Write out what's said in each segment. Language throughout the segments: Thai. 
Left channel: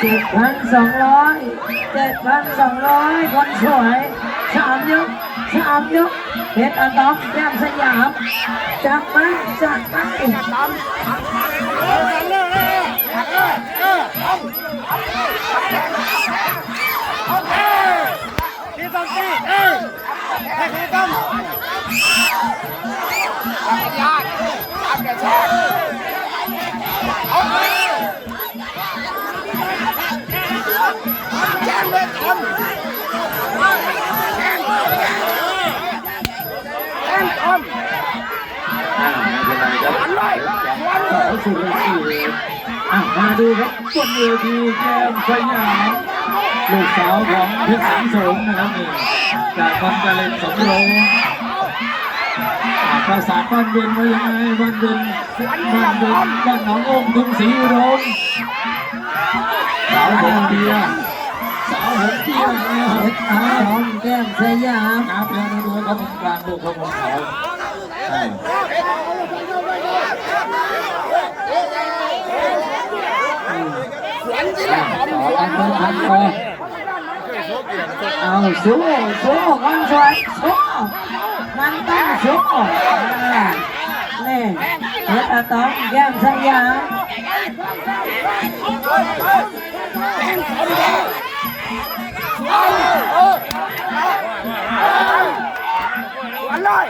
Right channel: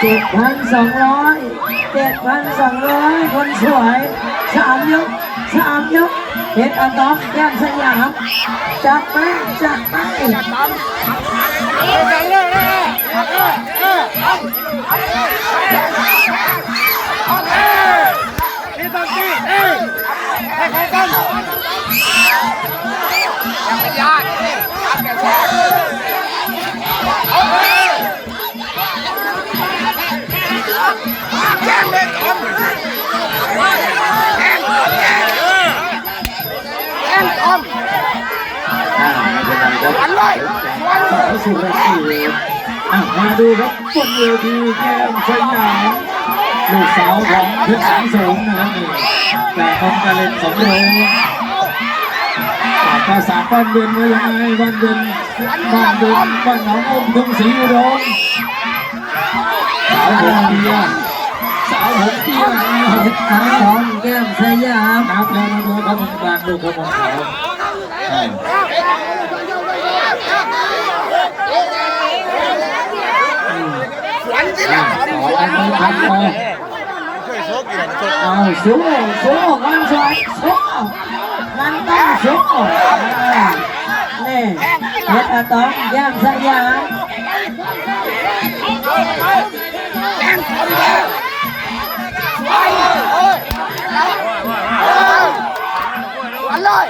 เจ็ดพันสองร้อยเจ็ดพันสองร้อยคนสวยสามยกสามยกเพชรอะตอมแก้มสยามจัดไปจัดไปาไม่เป็นไรครับวันเลยวันเลสายยสุดเลยสี่อะมาดูครับบนเวทีแก้มสยามลูกสาวของเพชรแสงโสมนะครับนี่จากคอมกาเลนสองโรงภาษาบ้านเดือนว่ายังไงบ้านเดือนบ้านเดือนบ้านหนององค์ทุ่งศรีอุดมสาวหงเปียสาวหงเปียเพชรอาทองแก้มสยามครับเดี๋ยวมาดูครับการดูคนของเขาใช่สวนที่เราทำสวนเอาสู้สู้มันสวยสู้มันต้องสู้นี่เพช รอาตอมแก้มสยามแจ้งทำเลยสวนเออวันเลย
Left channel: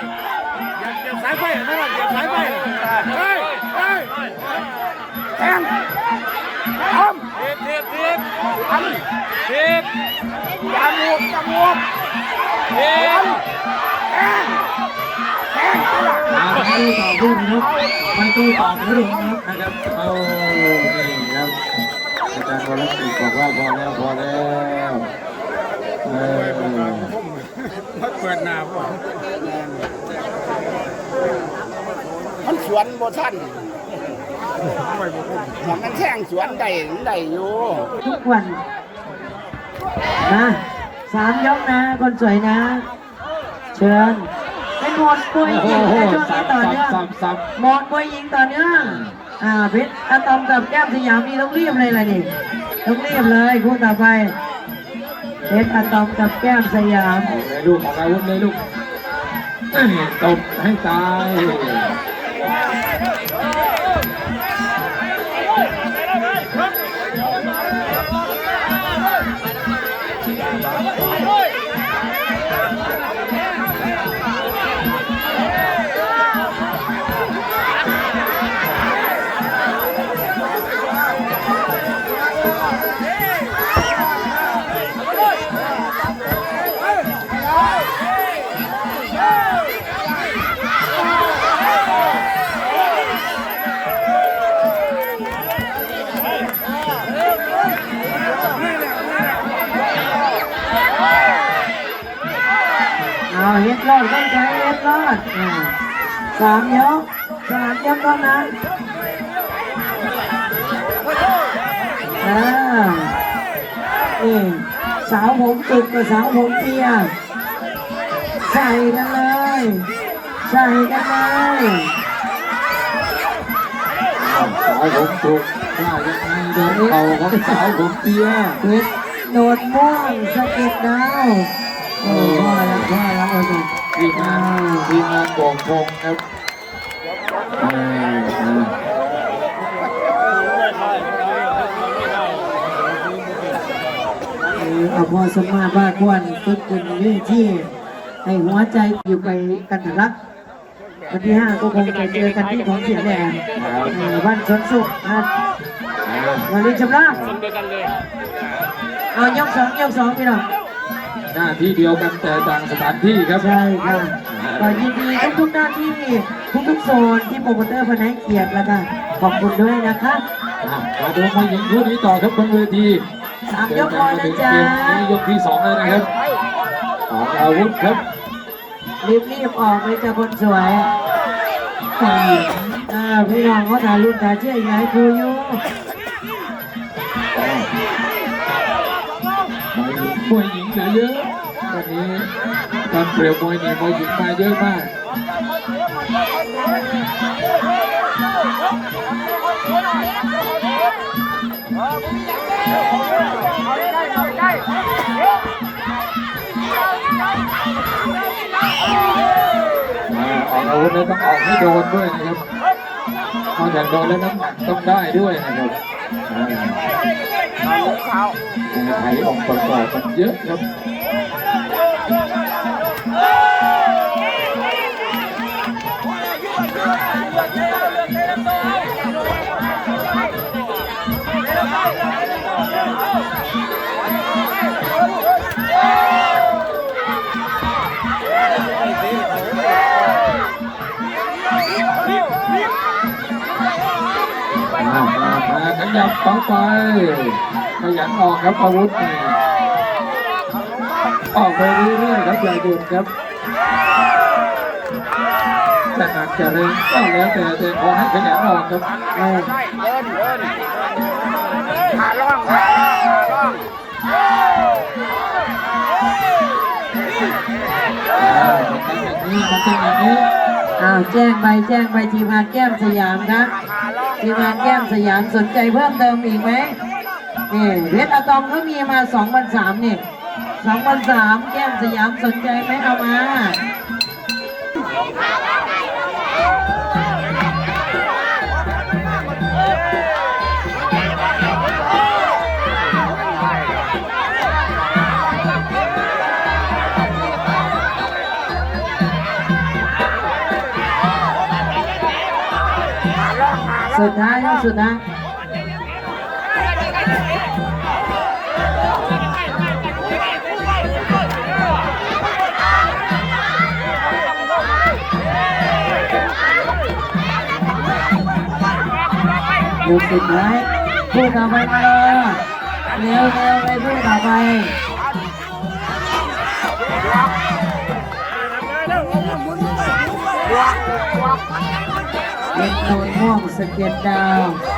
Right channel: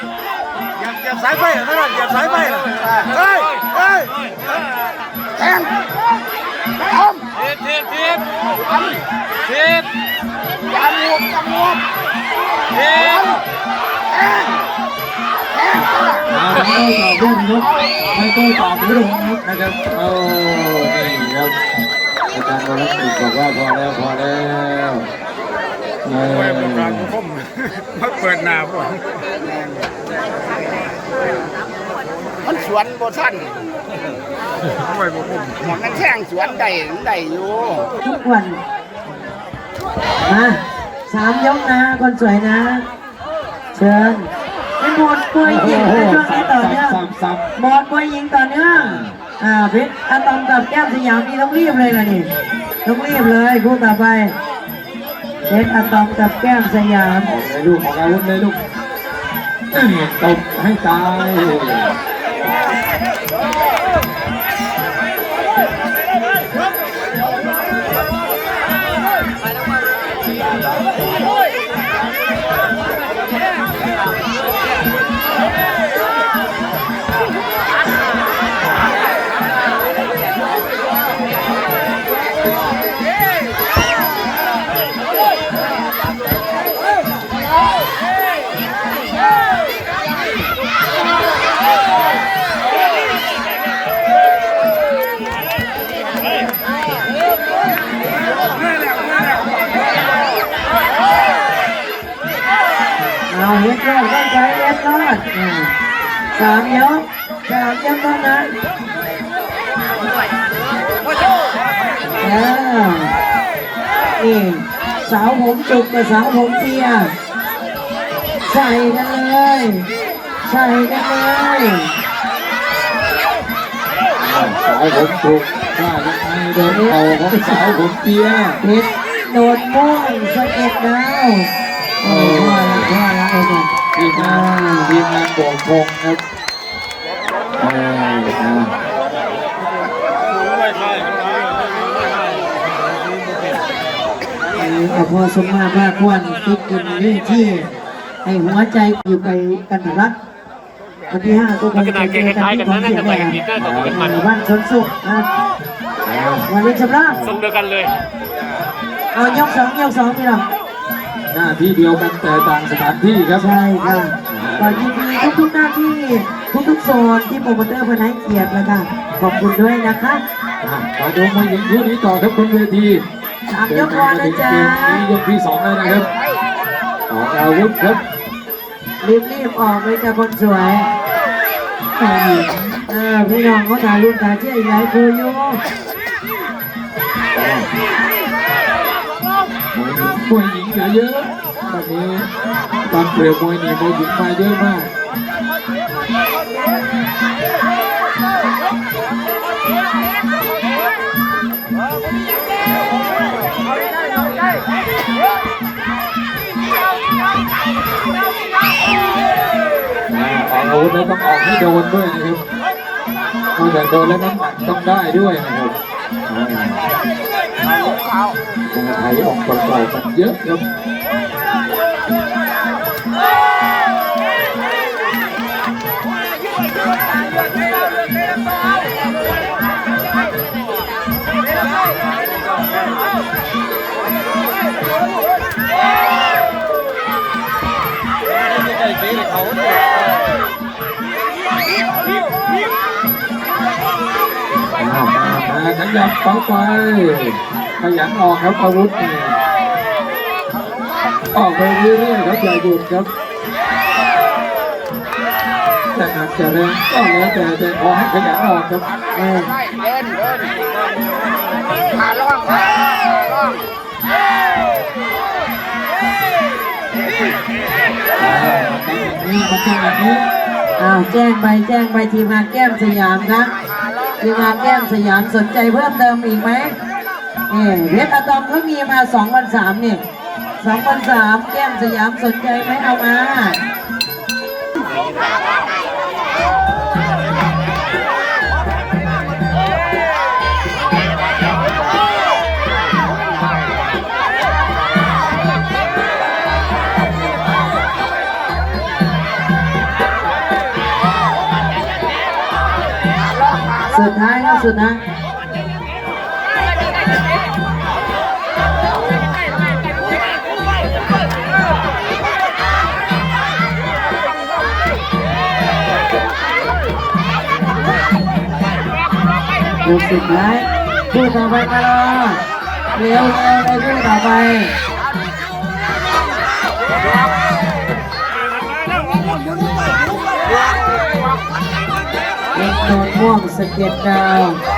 เยบเทียบจมูกจมูกเทียบไม่ต้องต่อรุ่นครับไม่ต้องต่อรุ่นนะครับเอานี่ครับอาจารย์โอลิมปิกบอกว่าพอแล้วพอแล้วเออมาเปิดหน้าพวกมันสวนบ่ท่าน ม่พวกผมมันนั่งแข่งสวนได้ได้อยู่ทุกวันมาสามยกนะคนสวยนะ เชิญเป็นหมดป่วยหญิงในช่วงนี้ต่อเนื่องหมดป่วยหญิงต่อเนื่องอ่าเพชรอะตอมกับแก้มสยามนี่ต้องรีบเลยล่ะนี่ต้องรีบเลยคู่ต่อไปเพชรอะตอมกับแก้มสยามเลยลูกออกอาวุธเลยลูกตบให้ตาย เอาเฮ็ดรอดต้องใช้เฮ็ดรอดอ่าสามยกสามยกเท่านั้นเออนี่สาวผมจุกกับสาวผมเปียใส่กันเลยใส่กันเลยสาวผมถูกว่ายังไงโดนเข่าของสาวผมเปียเพชรโดดม่วงสะเก็ดดาวโอ้พ่อละพ่อละโอ้โห ทีมงานทีมงานโป่งพงครับออเออเอาพอสมมาบ้าควรติดกันเรื่องที่ให้หัวใจอยู่ไปกันรักวันที่ห้าก็คงจะเจอกันที่ของเสียงแหวนบ้านชนสุขครับวันนี้ชำระทรงเดียวกันเลยเอายกสองยกสองพี่น้อง หน้าที่เดียวกันแต่ต่างสถานที่ครับ ใช่ค่ะก็ยินดีทุกๆหน้าที่ทุกๆโซนที่โปรโมเตอร์พนักเกียรติแล้วก็ขอบคุณด้วยนะคะอะขอดูมาหญิงคู่นี้ต่อครับบนเวทีสามเดิยนกทางมามานะถึงจ๊ะเกมนี้ยกที่สองแล้วนะครับออกอาวุธครับรีบรีบๆออกเลยจ้ะคนสวยอ่าอ่าพี่น้องก็ถ่ายรูปถ่ายเชื่ออีกหลายครูอยู่มวยหญิงเหลือเยอะวั นี้การเปลี่ยนมวยนี่มวยหญิงมาเยอะมากแอาวุธต้องออกให้โดนด้วยนะครับนอกจาโดนแล้วนั้นต้องได้ด้วยนะครับไทยออกต่อๆกันเยอะครับ ขยับต่อไปขยันออกครับอาวุธนี่ ออกไปเรื่อยๆครับอย่าหยุดครับแต่อาจจะแรงก็แล้วแต่แต่ขอให้ขยันออกครับนี่มันเป็นอย่างนี้อ้าวแจ้งไปแจ้งไปทีมงานแก้มสยามครับทีมงานแก้มสยามสนใจเพิ่มเติมอีกไหมนี่เพชรอะตอมเพิ่งมีมาสองพันสามนี่ สองพันสามแก้มสยามสนใจไหมเอามาสุดท้ายแล้วสุดท้าย ดูสุดท้ายผู้ต่อไปมารอเร็วเร็วไปผู้ต่อไปเล็กโนนม่วงสเก็ตดาว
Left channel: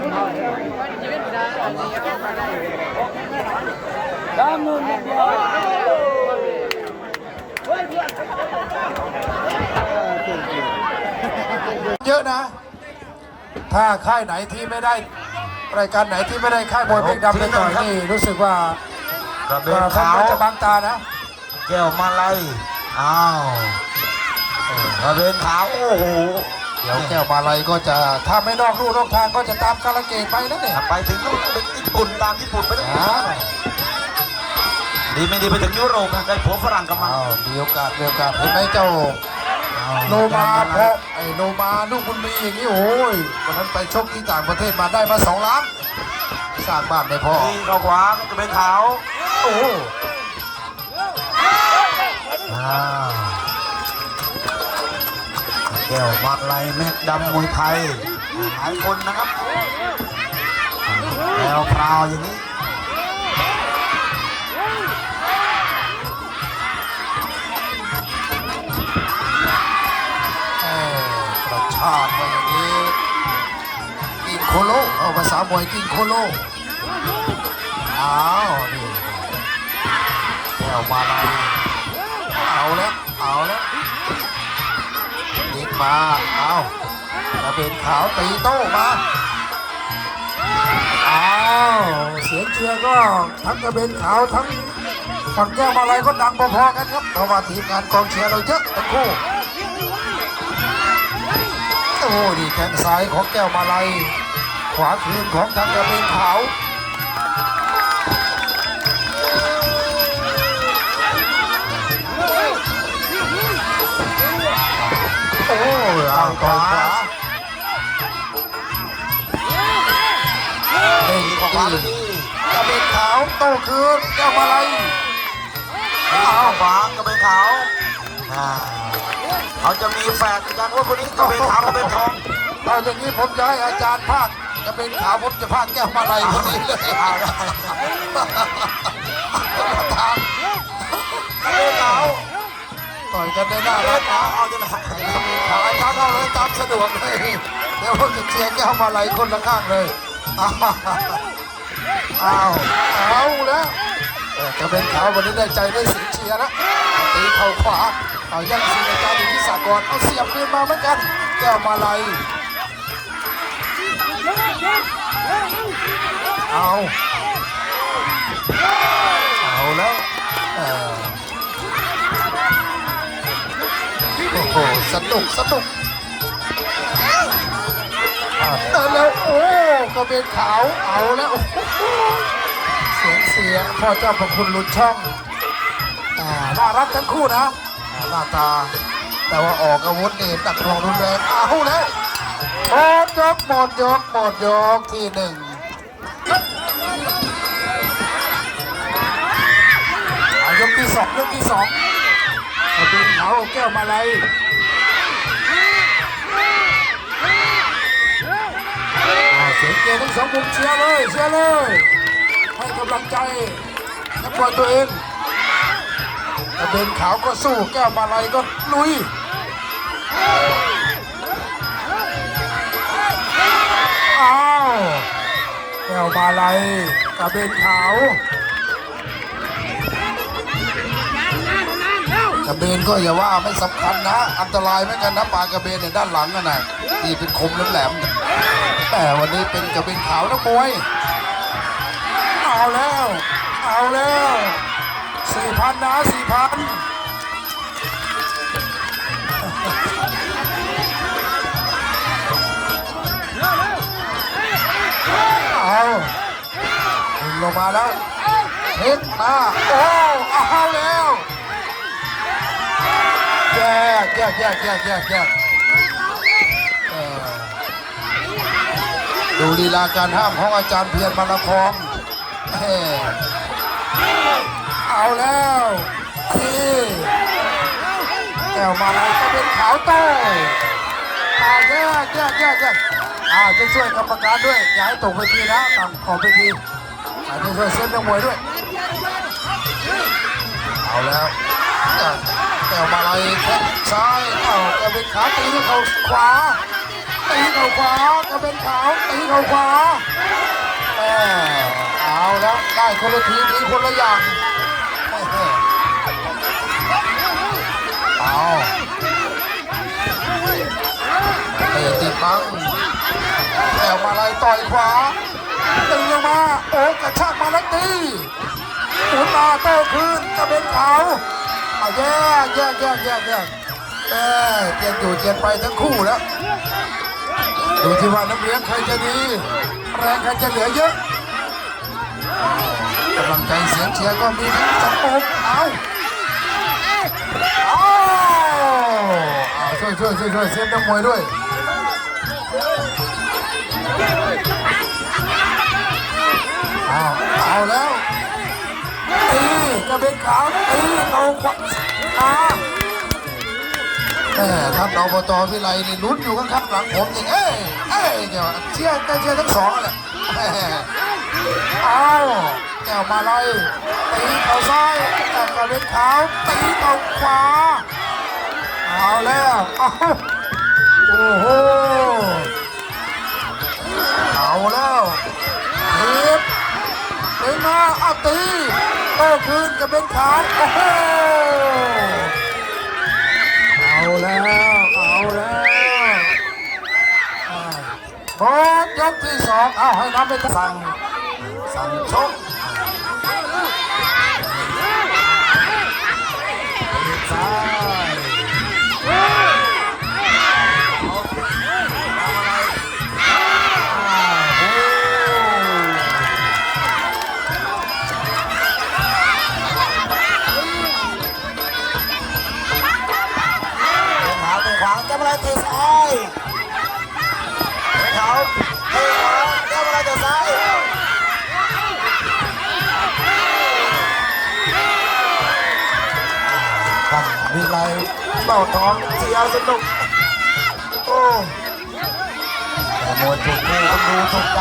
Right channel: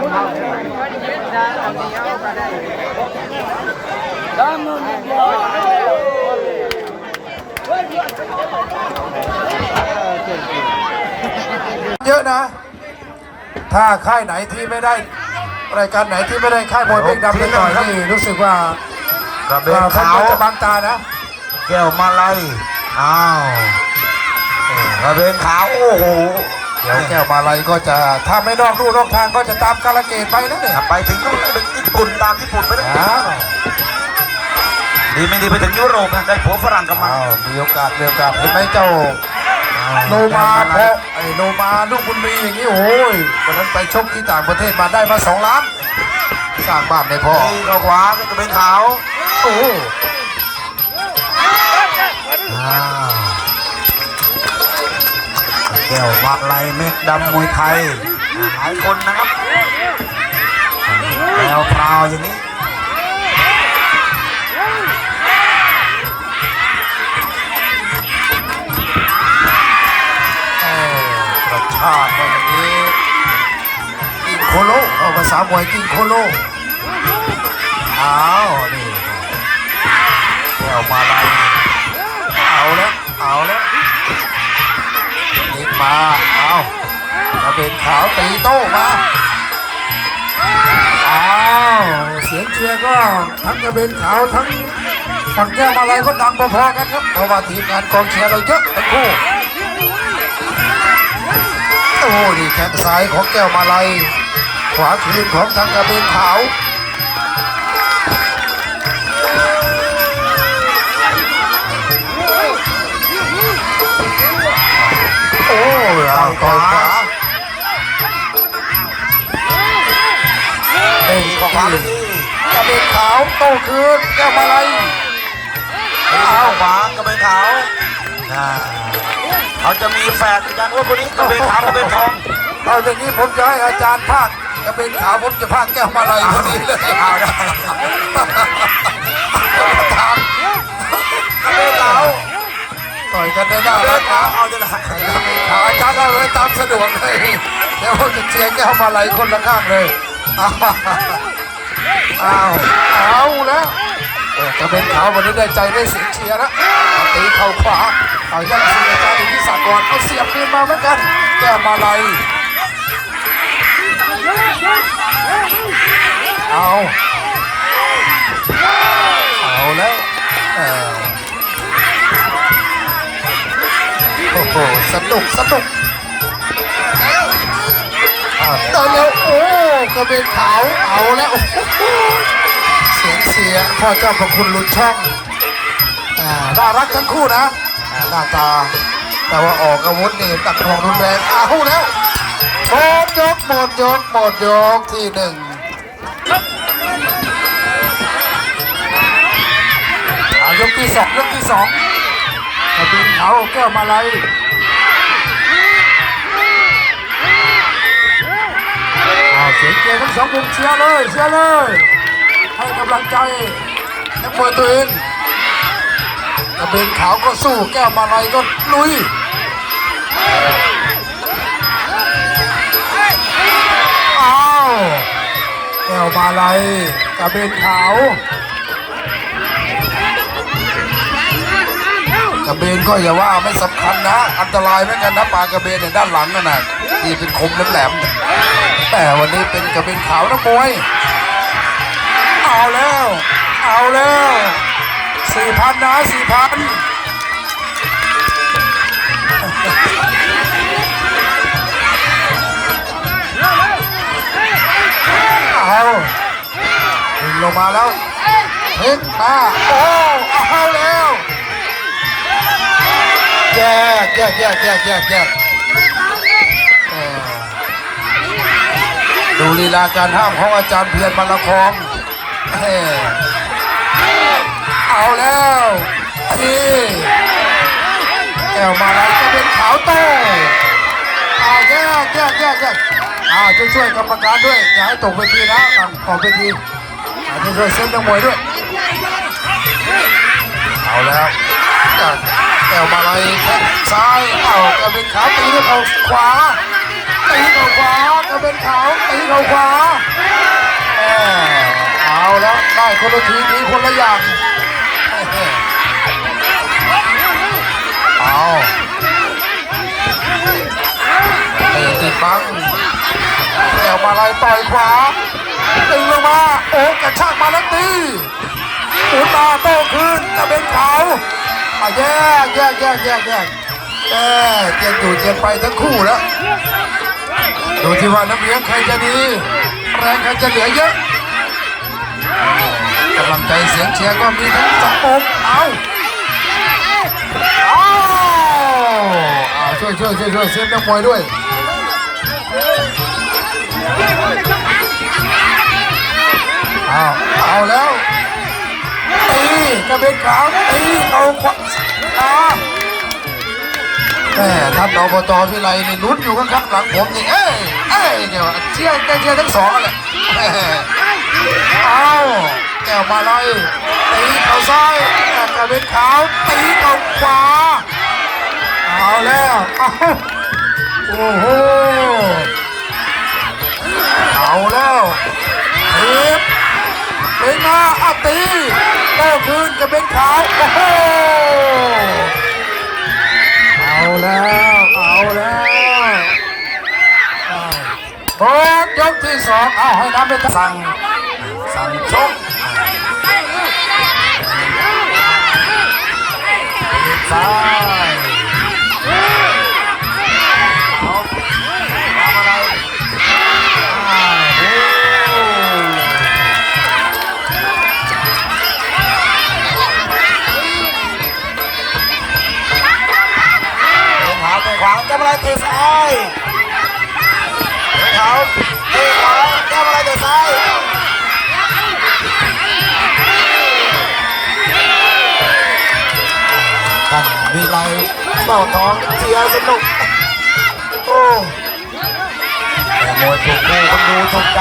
นไปเดินไปเราผมก็เป็นทางการนเยอะนะ ถ้าค่ายไหนที่ไม่ได้รายการไหนที่ไม่ได้ค่ายมวยเพลงดำเล่นต่อยนี่รู้สึกว่าระเบนขาวจะบังตานะ แก้วมาลัยอ้าวระเบนขาวโอ้โห เดี๋ยวแก้วมาลัยก็จะถ้าไม่นอกรูนอกทางก็จะตามกาลเกตไปนะเนี่ยไปถึงนู่นไปญี่ปุ่นตามญี่ปุ่นไปแล้วอ้าวดีไม่ดีไปถึงยุโรปนะได้ผัวฝรั่งกลับมาอ้าวมีโอกาสมีโอกาสเห็นไหมเจ้าโนมาเพราะไอ้โนมาลูกบุญมีอย่างนี้โอ้ยวันนั้นไปชกที่ต่างประเทศมาได้มาสองล้านสร้างบ้านไม่พอตีเข้าขวาก็จะเป็นขาวโอ้ย แก้วมาลัยเม็ดดำมวยไทยหลายคนนะครับแล้วพราวอย่างนี้เอ้ยกระชากไปอย่างนี้กินโคโลเอาภาษามวยกินโคโลอ้าวนี่แก้วมาลัยเอาแล้วเอาแล้ว มาเอากระเป็นขาวตีโต้มาอ้าวเสียงเชียร์ก็ทั้งกระเบนขาวทั้งฝั่งแก้วมาลัยก็ดังพอๆกันครับเพราะว่าทีมงานกองเชียร์เราเยอะทั้งคู่โอ้นี่แข้งซ้ายของแก้วมาลัยขวาคืนของทางกระเบนขาว ขวาเด้งขวาเลยกระเบนขาวโตคืนแก้วมาลัยเอาขวากระเบนขาวเขาจะมีแฝดกันว่าคนนี้กระเบนขาวกระเบนทองเอาอย่างนี้ผมจะให้อาจารย์ภาคกระเบนขาวผมจะภาคแก้วมาลัยคนนี้เลยเอาได้ทางกระเบนขาว ต่อยกันได้หน้ารักนะเอาจะไหนขาอาจารย์เอาเลยตามสะดวกเลยเดี๋ยวผมจะเชียร์แก้วมาลัยคนละข้างเลยอ้าวเอาแล้วจะเป็นขาววันนี้ได้ใจได้เสียงเชียร์นะตีเข่าขวาเอายังสีอาจารย์อิทธิศักอนเอาเสียบคืนมาเหมือนกัน แก้วมาลัยเอา เอาแล้ว ออโอ้โหสนุกสนุกเอาแล้วโอ้กระเบนขาวเอาแล้วเสียงเสียพ่อเจ้าพระคุณลุนช่องอ่าน่ารักทั้งคู่นะอ่าหน้าตา แต่ว่าออกอาวุธนี่ตัดทองรุนแรงอาคู่แล้วหมดยกหมดยกหมดยกที่หนึ่งยกที่สองยกที่สอง ไอ้บินเขาแก้วมาลัยเสียงเกมทั้งสองมุมเชียร์เลยเชียร์เลยให้กำลังใจนักมวยตัวเองกระเบนขาวก็สู้แก้วมาลัยก็ลุยอ้าวแก้วมาลัยกระเบนขาว กระเบนก็อย่าว่าไม่สำคัญนะ อันตรายเหมือนกันนะปลากระเบนเนี่ยด้านหลังนั่นน่ะที่เป็นคมแหลมๆเนี่ยแต่วันนี้เป็นกระเบนขาวนักมวยเอาแล้ว เอาแล้วสี่พันนะสี่พันเอาลงมาแล้วเฮ้ยมาโอ้เอา แยกแยกแยกแยกแยกแยกเอ่อดูลีลาการห้ามของอาจารย์เพียรมาละคองเอ้เอาแล้วนี่แก้วมาลัยก็เป็นขาวโต้อาแยกแยกแยกแยกอ่าช่วยช่วยกรรมการด้วย อย่าให้ตกเวทีนะต่างขอบเวทีอาช่วยช่วยเส้นนักมวยด้วย เอาแล้ว แก้วมาลัยแข้งซ้ายเอากระเป็นขาวตีด้วยเข่าขวาตีเข่าขวากระเป็นขาวตีเข่าขวาแม่เอาแล้วได้คนละทีทีคนละอย่างเอาเตะติดบังแอวมาลายต่อยขวาตึงลงมาโอ้กระชากมาแล้วตีหมุนมาโต้คืนกระเบนขาว อะแยกแยกแยกแยกแยกแยกเจียนอยู่เจียนไปทั้งคู่แล้วดูที่ว่าน้ำเลี้ยงใครจะดีแรงใครจะเหลือเยอะกำลังใจเสียงเชียร์ก็มีทั้งสองมุมเอาเอาเอาช่วยช่วยช่วยช่วยเสียงนักมวยด้วยเอาเอาแล้วตี กระเบนขาวตีเอาขวาแม่ท่านอบจวิไลนี่ลุ้นอยู่ข้างๆหลังผมนี่เอ้ยเอ้ยเดี๋ยวเชียร์กันเชียร์ทั้งสองนั่นแหละแม่เอาแก้วมาเลยตีเข่าซ้ายกระเบนขาวตีเข่าขวาเอาแล้วเอาโอ้โหเอาแล้วเทีบเป็นมาอตี โต้คืนกระเบนขาวโอ้โหเอาแล้วเอาแล้วบอลยกที่สองเอาให้น้ำเปสั่งสั่งชกซ้าย อะไรเตะซ้ายเท้าเตะขวาแก้มอะไรเตะซ้ายท่านวิไลเมาของเชียสนุกโอ้แต่มวยถูกคู่คนดูถูกใจ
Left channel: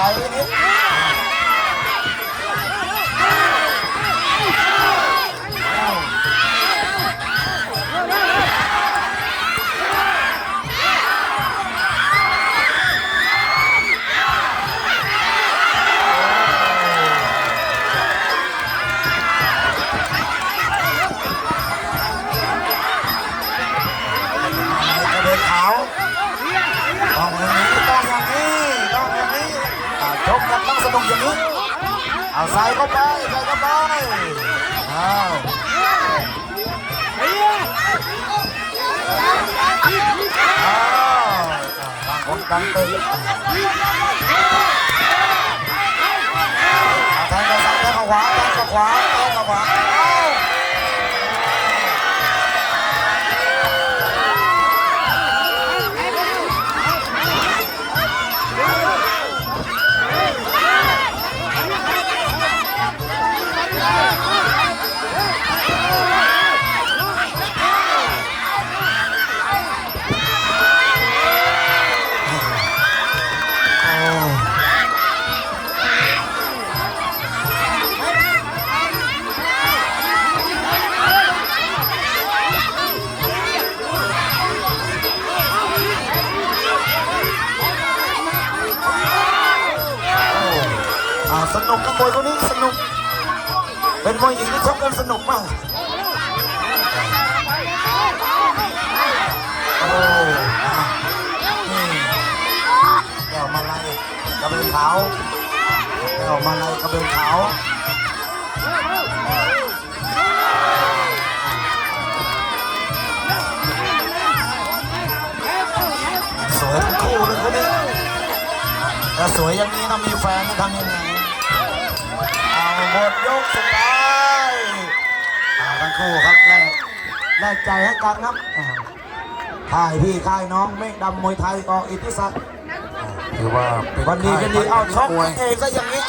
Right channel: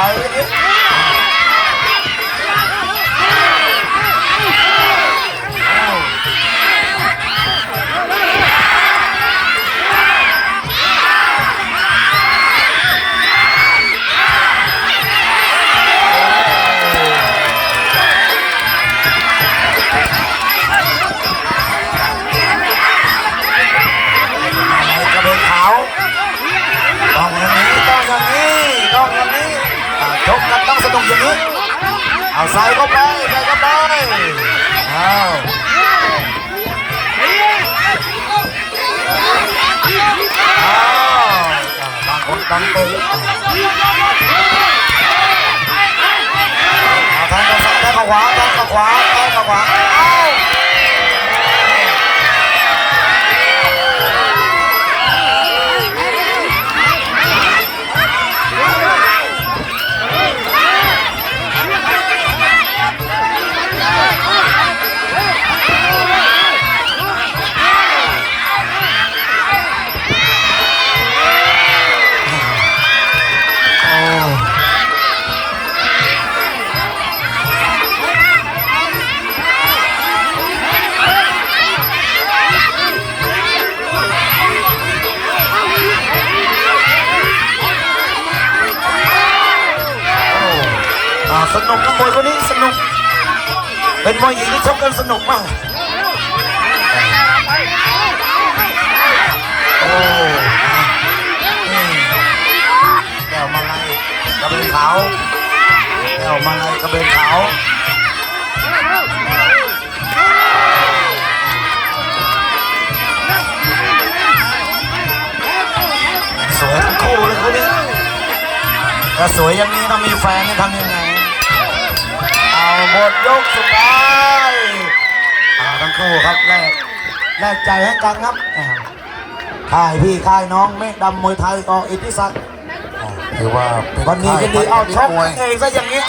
ต้องอย่างนี้เอาใส่เข้าไปใส่เข้าไปเอาเอาต่างคนต่างเตะเอางเข้าซ้ายแทงเข้าขวาแทงเข้าขวาแทงเข้าขวา สนุกนะมวยคนนี้สนุก เป็นมวยหญิงที่ชกกันสนุกมากโอ้นี่แก้วมาลัยกระเบนขาวแก้วมาลัยกระเบนขาวสวยทั้งคู่เลยคนนี้ถ้าสวยอย่างนี้ถ้ามีแฟนนี่ทำยังไง หมดยกสุดท้ายเอาทั้งคู่ครับแลกแลกใจให้กันครับอ่าค่ายพี่ค่ายน้องเมฆดำมวยไทยออิทธิศักดิ์ถือว่าเป็นวันนี้กันดีเอาชกมวยเองซะอย่างนี้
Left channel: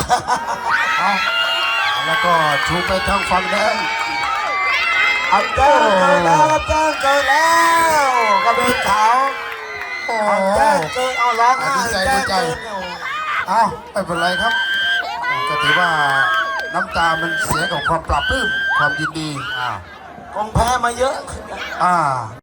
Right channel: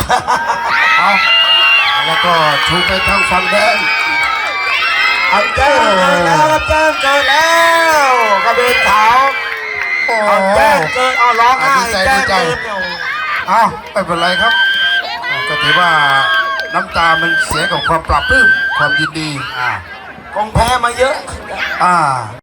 เอาแล้วก็ชูไปทางฝั่งแดงเอาแจ้งเกิดแล้วครับแจ้งเกิดแล้วกระเบนขาวโอ้เอาแจ้งเกิดเอาร้องไห้ดีใจแจ้ดีงใจเกิดเนี่ยอ้าวไม่เป็นไรครับอ่าก็ถือว่า น้ำตามันเสียกับความปรับปลื้มความยินดีอ่าคงแพ้มาเยอะ อ่า